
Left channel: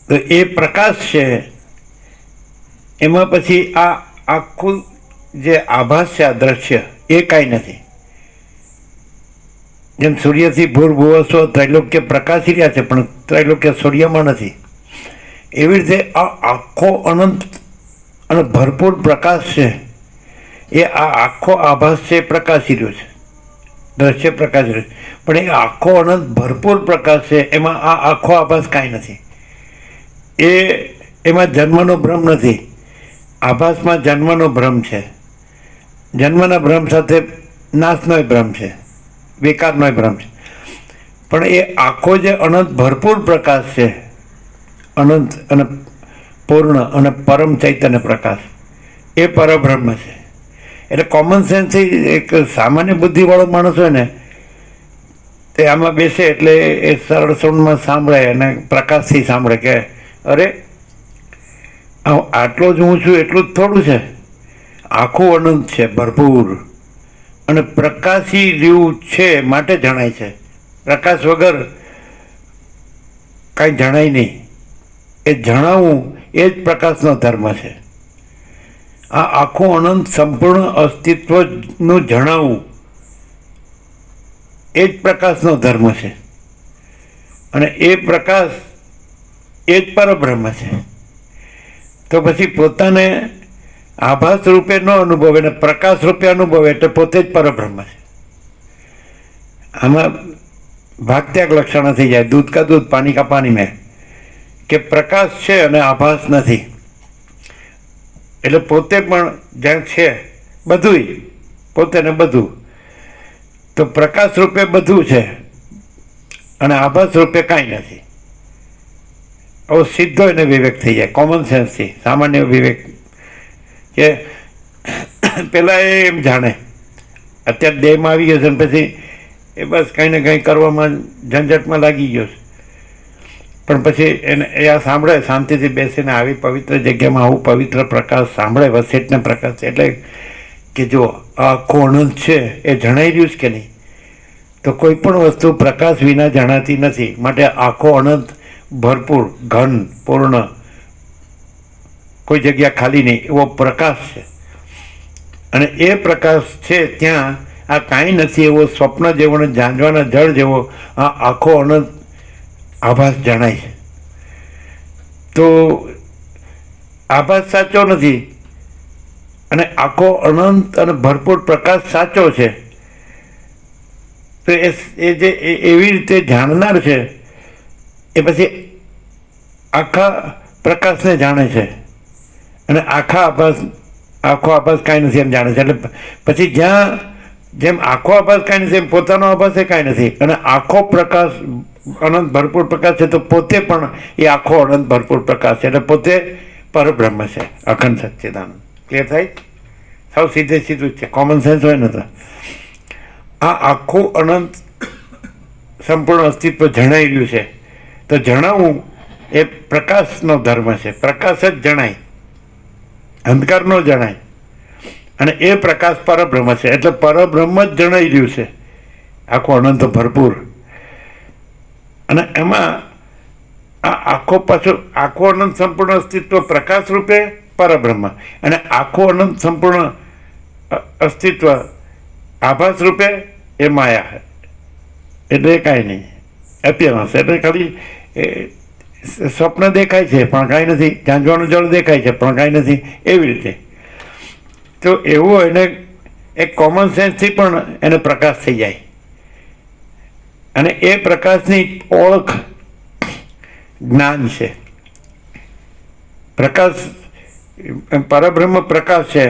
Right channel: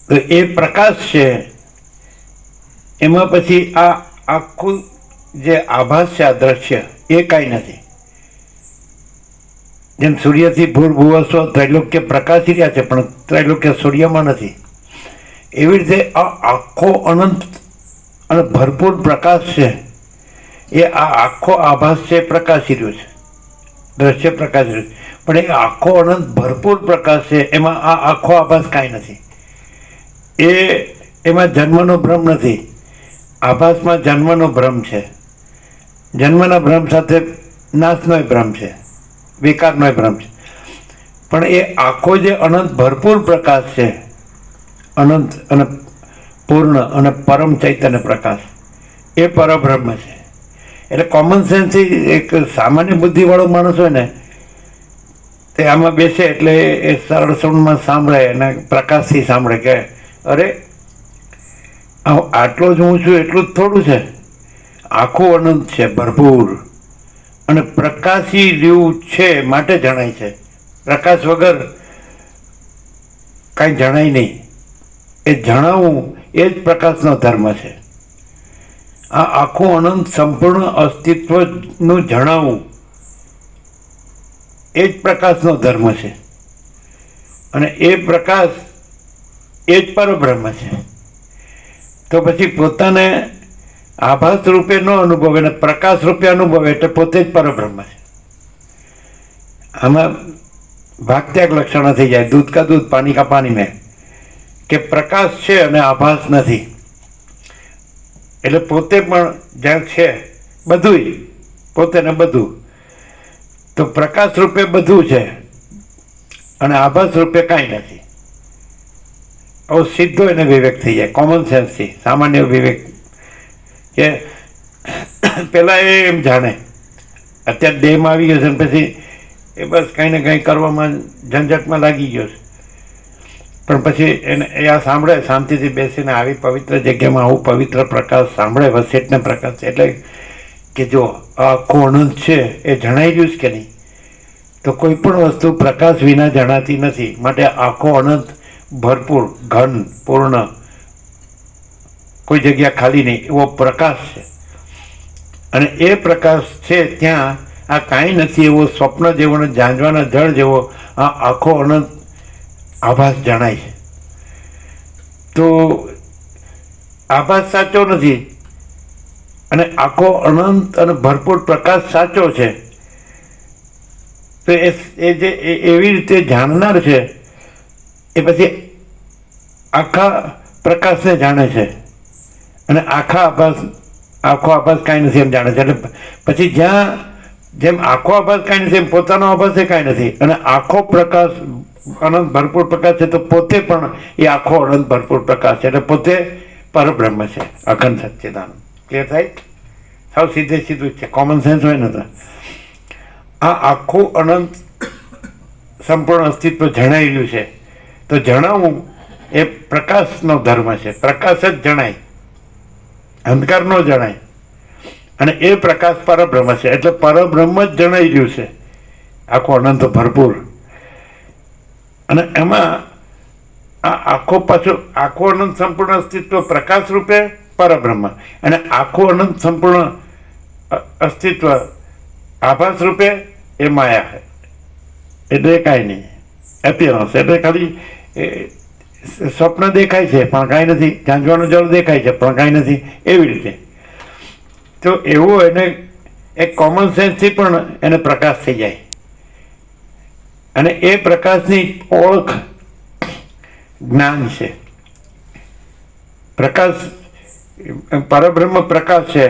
તો એ પ્રકાશ છે એમાં પછી આ આખું જે આભાસ છે, આ દ્રશ્ય, એ કાંઈ નથી. જેમ સૂર્યથી ભૂર્ભુવસ્વ ત્રૈલોક્ય પ્રકાશી રહ્યા છે, પણ ત્રૈલોક્ય સૂર્યમાં નથી. એવી રીતે આ આખો અનંત અને ભરપૂર પ્રકાશ છે, એ આ આખો આભાસ છે, પ્રકાશી રહ્યો છે, દ્રશ્ય પ્રકાશી રહ્યું છે. પણ એ આખો અનંત ભરપૂર પ્રકાશ છે, એમાં આ આખો આભાસ કાંઈ નથી. એમાં જન્મનો ભ્રમ નથી. આભાસમાં જન્મનો ભ્રમ છે. જન્મના ભ્રમ સાથે નાશનોય ભ્રમ છે, વિકારનોય ભ્રમ છે. પણ એ આખો જે અનંત ભરપૂર પ્રકાશ છે, અનંત અને પૂર્ણ અને પરમ ચૈતન્ય પ્રકાશ, એ પરબ્રહ્મ છે. એટલે કોમન સેન્સથી એક સામાન્ય બુદ્ધિવાળો માણસ હોય ને, તે આમાં બેસે એટલે એ સરળ સૌંડમાં સાંભળે અને પ્રકાશથી સાંભળે કે અરે આટલો જ હું છું એટલું જ થોડું છે, આખું અનંત છે, ભરપૂર અને પ્રકાશી રહ્યું છે માટે જણાય છે. પ્રકાશ વગર કાંઈ જણાય નહીં. એ જણાવવું એ જ પ્રકાશનો ધર્મ છે. આ આખું અનંત સંપૂર્ણ અસ્તિત્વનું જણાવવું એ જ પ્રકાશનો ધર્મ છે. અને એ પ્રકાશ એ જ પરબ્રહ્મ છે. તો પછી પોતાને આભાસ રૂપે ન અનુભવે ને પ્રકાશ રૂપે અનુભવે એટલે પોતે જ પરબ્રહ્મ છે. આમાં ભાગત્યાગ લક્ષણ થઈ જાય, દૂધ કા દૂધ પાણી કા પાણી મેં, કે પ્રકાશ છે અને આભાસ નથી. એટલે પોતે પણ જ્યાં છે બધુંય, પોતે ને બધું, તો પ્રકાશ રૂપે બધું છે અને આભાસ રૂપે કાંઈ નથી. આવો સીધો એને વિવેક થઈ જાય, કોમન સેન્સથી, સામાન્ય વિવેક. કે પહેલાં એ એમ જાણે, અત્યારે દેહમાં આવી ગયો છે ને પછી એ બસ કંઈ ને કંઈ કરવામાં ઝંઝટમાં લાગી ગયો છે. પણ પછી એને એ આ સાંભળે, શાંતિથી બેસીને આવી પવિત્ર જગ્યામાં આવું પવિત્ર પ્રકાશ સાંભળે, વસેટના પ્રકાશ, એટલે કે જો આ આખું અનંત છે એ જણાઈ રહ્યું છે કે નહીં. તો કોઈ પણ વસ્તુ પ્રકાશ વિના જણાતી નથી. માટે આખો અનંત ભરપૂર, ઘન, પૂર્ણ, કોઈ જગ્યા ખાલી નહીં એવો પ્રકાશ છે. અને એ પ્રકાશ છે ત્યાં આ કાંઈ નથી એવો સ્વપ્ન જેવો ને ઝાંઝવાના જળ જેવો આ આખો અનંત આભાસ જણાય છે. તો આભાસ સાચો નથી અને આખો અનંત અને ભરપૂર પ્રકાશ સાચો છે. તો એ જે એવી રીતે જાણનાર છે એ પછી આખા પ્રકાશને જાણે છે અને આખો આભાસ કાંઈ નથી એમ જાણે છે. એટલે પછી જ્યાં જેમ આખો આભાસ કાંઈ નથી એમ પોતાનો આભાસ એ કાંઈ નથી. અને આખો પ્રકાશ અનંત ભરપૂર પ્રકાશ છે તો પોતે પણ એ આખો અનંત ભરપૂર પ્રકાશ છે. એટલે પોતે પરબ્રહ્મ છે, અખંડ સચ્ચિદાનંદ. ક્લિયર થાય? સાવ સીધે સીધું જ છે, કોમન સેન્સ હોય ને તો. આ આખું અનંત સંપૂર્ણ અસ્તિત્વ જણાઈ રહ્યું છે. તો જણાવવું એ પ્રકાશનો ધર્મ છે. પ્રકાશ જ જણાય, અંધકાર ન જણાય. અને એ પ્રકાશ પરબ્રહ્મ છે. એટલે પરબ્રહ્મ જ જણાઈ રહ્યું છે, આખું અનંત ભરપૂર. અને એમાં આ આખું અનંત સંપૂર્ણ અસ્તિત્વ પ્રકાશ રૂપે પરબ્રહ્મ, અને આખું અનંત સંપૂર્ણ અસ્તિત્વ આભાસ રૂપે એ માયા. એટલે કાંઈ નહીં, એપિયરન્સ. એટલે ખાલી સ્વપ્ન દેખાય છે પણ કાંઈ નથી, ઝાંઝવાનું જળ દેખાય છે પણ કાંઈ નથી, એવી રીતે. તો એવો એને એક કોમન સેન્સથી પણ એને પ્રકાશ થઈ જાય. અને એ પ્રકાશની ઓળખ જ્ઞાન છે. પ્રકાશ પરબ્રહ્મ પ્રકાશ છે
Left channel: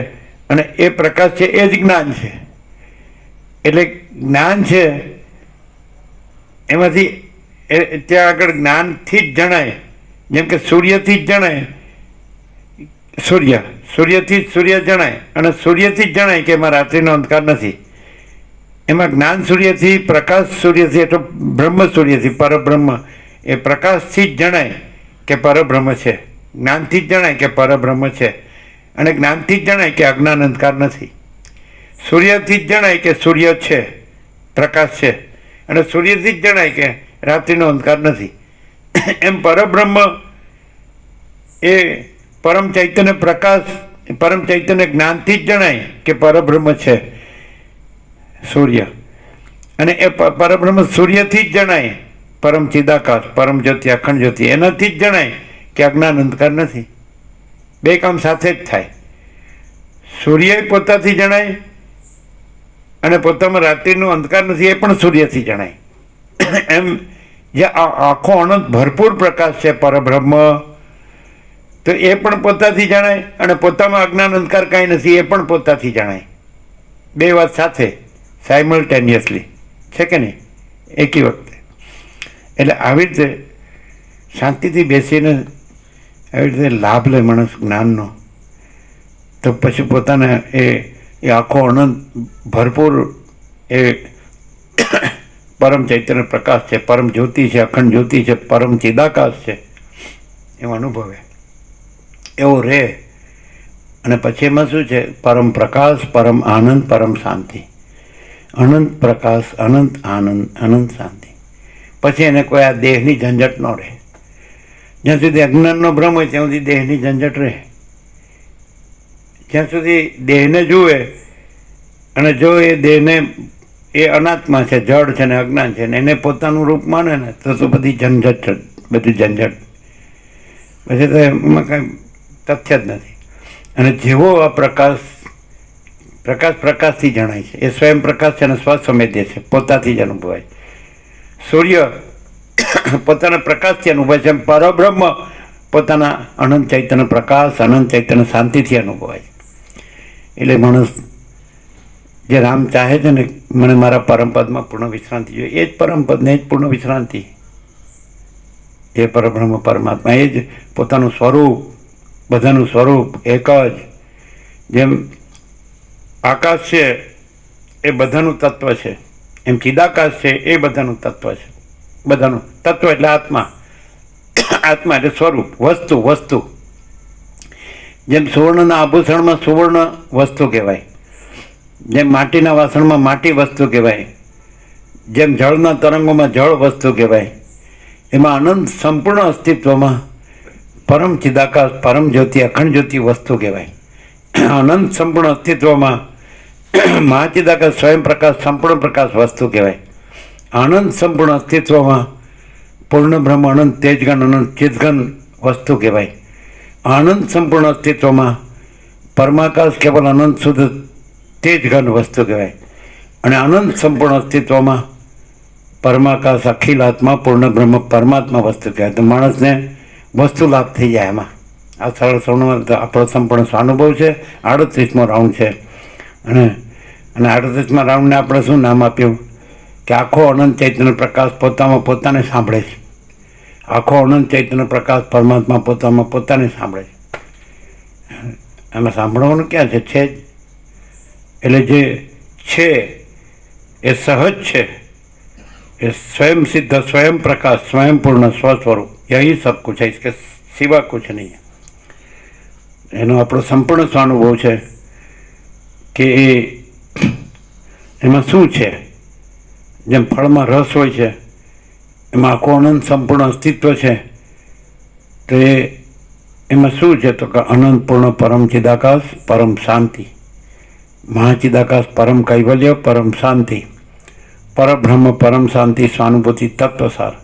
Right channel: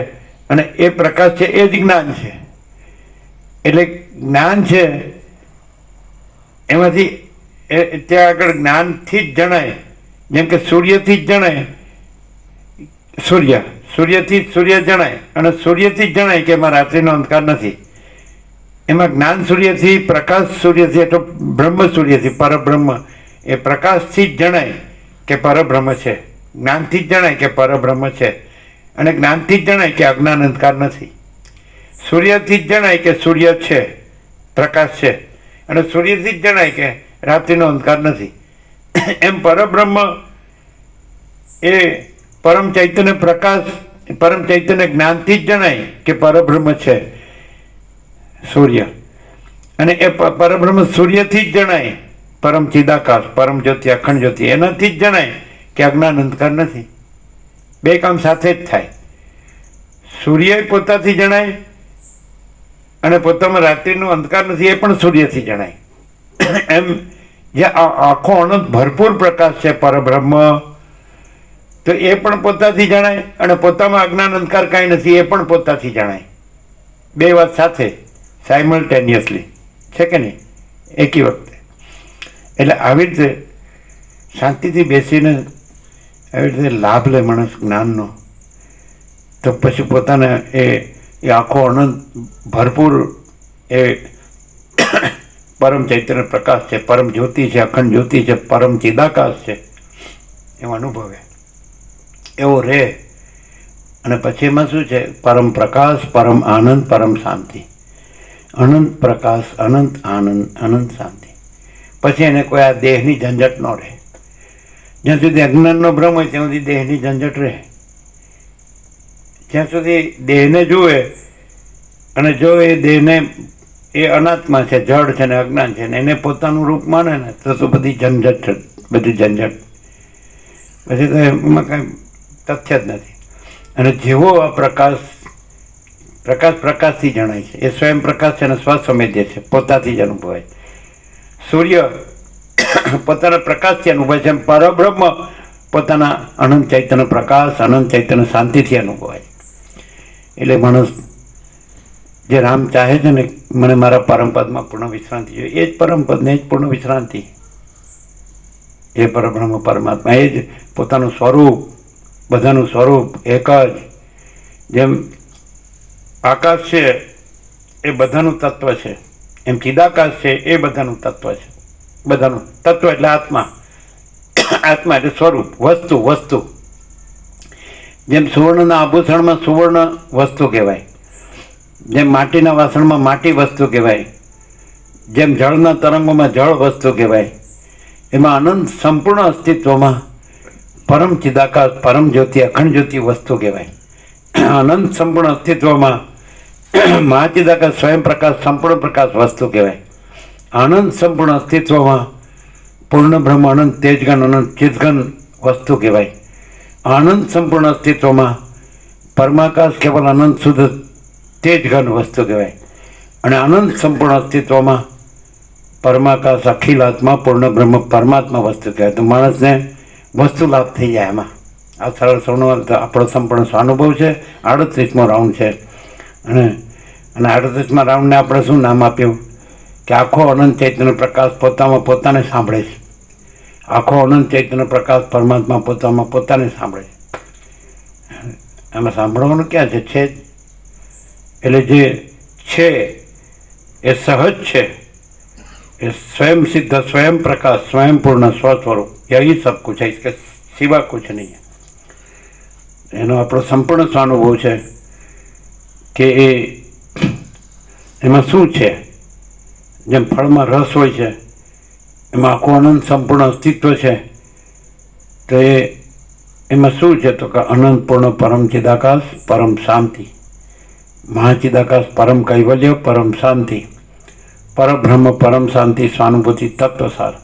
અને એ પ્રકાશ છે એ જ જ્ઞાન છે. એટલે જ્ઞાન છે એમાંથી ત્યાં આગળ જ્ઞાનથી જ જણાય જેમ કે સૂર્યથી જ જણાય, સૂર્યથી જ સૂર્ય જણાય, અને સૂર્યથી જ જણાય કે એમાં રાત્રિનો અંધકાર નથી. એમાં જ્ઞાન સૂર્યથી, પ્રકાશ સૂર્યથી, એટલે બ્રહ્મ સૂર્યથી, પરબ્રહ્મ એ પ્રકાશથી જ જણાય કે પરબ્રહ્મ છે, જ્ઞાનથી જ જણાય કે પરબ્રહ્મ છે, અને જ્ઞાનથી જ જણાય કે અજ્ઞાન અંધકાર નથી. સૂર્યથી જ જણાય કે સૂર્ય છે, પ્રકાશ છે, અને સૂર્યથી જ જણાય કે રાત્રિનો અંધકાર નથી. એમ પરબ્રહ્મ એ પરમ ચૈતન્ય પ્રકાશ, પરમ ચૈતન્ય જ્ઞાનથી જ જણાય કે પરબ્રહ્મ છે સૂર્ય, અને એ પરબ્રહ્મ સૂર્યથી જ જણાય પરમ ચિદાકાશ, પરમ જ્યોતિ, અખંડ જ્યોતિ, એનાથી જ જણાય કે અજ્ઞાન અંધકાર નથી. બે કામ સાથે જ થાય. સૂર્ય પોતાથી જણાય અને પોતામાં રાત્રિનો અંધકાર નથી એ પણ સૂર્યથી જણાય. એમ જે આખો અનંત ભરપૂર પ્રકાશ છે પરબ્રહ્મ, તો એ પણ પોતાથી જણાય, અને પોતામાં અજ્ઞાન અંધકાર કાંઈ નથી એ પણ પોતાથી જણાય. બે વાત સાથે સાયમલ્ટેનિયસલી છે કે નહીં, એકી વખતે. એટલે આવી રીતે શાંતિથી બેસીને આવી રીતે લાભ લે માણસ જ્ઞાનનો, તો પછી પોતાને એ આખો અનંત ભરપૂર એ પરમ ચૈતન્ય પ્રકાશ છે, પરમ જ્યોતિ છે, અખંડ જ્યોતિ છે, પરમ ચિદાકાશ છે, એવો અનુભવે, એવો રહે. અને પછી એમાં શું છે? પરમ પ્રકાશ, પરમ આનંદ, પરમ શાંતિ. અનંત પ્રકાશ, અનંત આનંદ, અનંત શાંતિ. પછી એને કોઈ આ દેહની ઝંઝટ ન રહે. જ્યાં સુધી અજ્ઞાનનો ભ્રમ હોય ત્યાં સુધી દેહની ઝંઝટ રહે. જ્યાં સુધી દેહને જુએ અને જો એ દેહને એ અનાત્મા છે, જડ છે ને અજ્ઞાન છે, ને એને પોતાનું રૂપ માને ને તો બધી ઝંઝટ, બધી ઝંઝટ, પછી તો એમાં કાંઈ તથ્ય જ નથી. અને જેવો આ પ્રકાશથી જણાય છે, એ સ્વયં પ્રકાશ છે અને સ્વસંવેદ્ય છે, પોતાથી જ અનુભવાય. સૂર્ય પોતાના પ્રકાશથી અનુભવાય છે, એમ પરબ્રહ્મ પોતાના અનંત ચૈતન્ય પ્રકાશ, અનંત ચૈતન્ય શાંતિથી અનુભવાય. એટલે માણસ જે રામ ચાહે છે ને મને મારા પરમપદમાં પૂર્ણ વિશ્રાંતિ જોઈએ, એ જ પરમપદ ને એ જ પૂર્ણ વિશ્રાંતિ, એ પરબ્રહ્મ પરમાત્મા, એ જ પોતાનું સ્વરૂપ, બધાનું સ્વરૂપ એક જ. જેમ આકાશ છે એ બધાનું તત્વ છે, એમ ચિદાકાશ છે એ બધાનું તત્વ છે. બધાનું તત્વ એટલે આત્મા, આત્મા એટલે સ્વરૂપ, વસ્તુ. જેમ સુવર્ણના આભૂષણમાં સુવર્ણ વસ્તુ કહેવાય, જેમ માટીના વાસણમાં માટી વસ્તુ કહેવાય, જેમ જળના તરંગોમાં જળ વસ્તુ કહેવાય, એમાં અનંત સંપૂર્ણ અસ્તિત્વમાં પરમ ચિદાકાશ, પરમ જ્યોતિ, અખંડ જ્યોતિ વસ્તુ કહેવાય. અનંત સંપૂર્ણ અસ્તિત્વમાં મહાચિદાકાશ, સ્વયં પ્રકાશ, સંપૂર્ણ પ્રકાશ વસ્તુ કહેવાય. અનંત સંપૂર્ણ અસ્તિત્વમાં પૂર્ણ બ્રહ્મ, અનંત તેજગન, અનંત ચિદગન વસ્તુ કહેવાય. અનંત સંપૂર્ણ અસ્તિત્વમાં પરમાકાશ, કેવલ અનંત શુદ્ધ તેજગન વસ્તુ કહેવાય. અને અનંત સંપૂર્ણ અસ્તિત્વમાં પરમાકાશ, અખિલ આત્મા, પૂર્ણ બ્રહ્મ, પરમાત્મા વસ્તુ કહેવાય. તો માણસને વસ્તુ લાભ થઈ જાય એમાં. આ સરળ આપણો સંપૂર્ણ સ્વાનુભવ છે. 38મો રાઉન્ડ છે. અને 38મા રાઉન્ડને આપણે શું નામ આપ્યું કે આખો અનંત ચૈતન્ય પ્રકાશ પોતામાં પોતાને સાંભળે છે. આખો અનંત ચૈતન્ય પ્રકાશ પરમાત્મા પોતામાં પોતાને સાંભળે છે. એમાં સાંભળવાનું ક્યાં છે? જ. એટલે જે છે એ સહજ છે, એ સ્વયં સિદ્ધ, સ્વયં પ્રકાશ, સ્વયં પૂર્ણ સ્વસ્વરૂપ, યહી સબ કુછ है, इसके सिवा कुछ नहीं है. એનો આપણો સંપૂર્ણ સ્વાનુભવ છે કે એમાં શું છે. જેમ ફળમાં રસ હોય છે, એમાં આખું અનંત સંપૂર્ણ અસ્તિત્વ છે, તો એમાં શું છે? તો કે અનંત પૂર્ણ પરમ ચિદાકાશ, પરમ શાંતિ, મહાચિદાકાશ, પરમ કૈવલ્ય, પરમ શાંતિ, પરબ્રહ્મ, પરમ શાંતિ, સ્વાનુભૂતિ, તત્વસાર.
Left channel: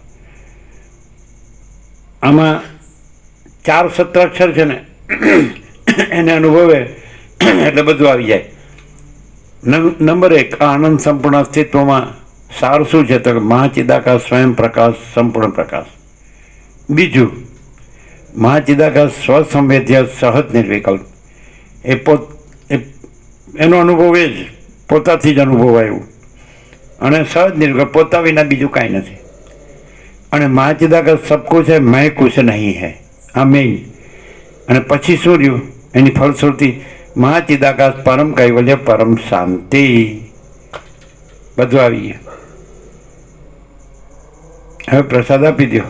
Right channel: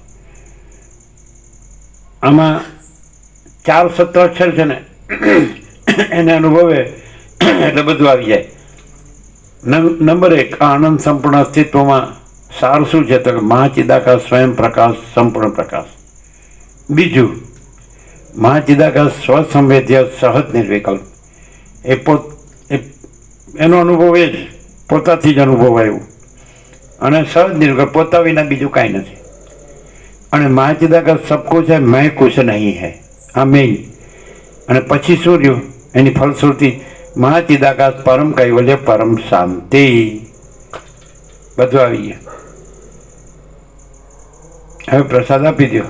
આમાં 4 સત્વાક્ષર છે ને એને અનુભવે એટલે બધું આવી જાય. નંબર 1, આનંદ સંપૂર્ણ અસ્તિત્વમાં સાર શું છે? તો કે મહાચિદાકાશ, સ્વયં પ્રકાશ, સંપૂર્ણ પ્રકાશ. બીજું, મહાચિદાકાશ સ્વસંવેદ્ય, સહજ નિર્વિકલ્પ. એનો અનુભવ એ જ પોતાથી જ અનુભવાયું, અને સહજ નિર્વિકલ્પ, પોતા વિના બીજું કાંઈ નથી. અને મહાચિદાકાશ સબ કુછ है मैं कुछ नहीं है આ મેઇન. અને પછી શું રહ્યું એની ફલશ્રુતિ મહાચિદાકાશ પરમ કૈવલ્ય પરમ શાંતિ બધું આવી ગયા. હવે પ્રસાદ આપી દો.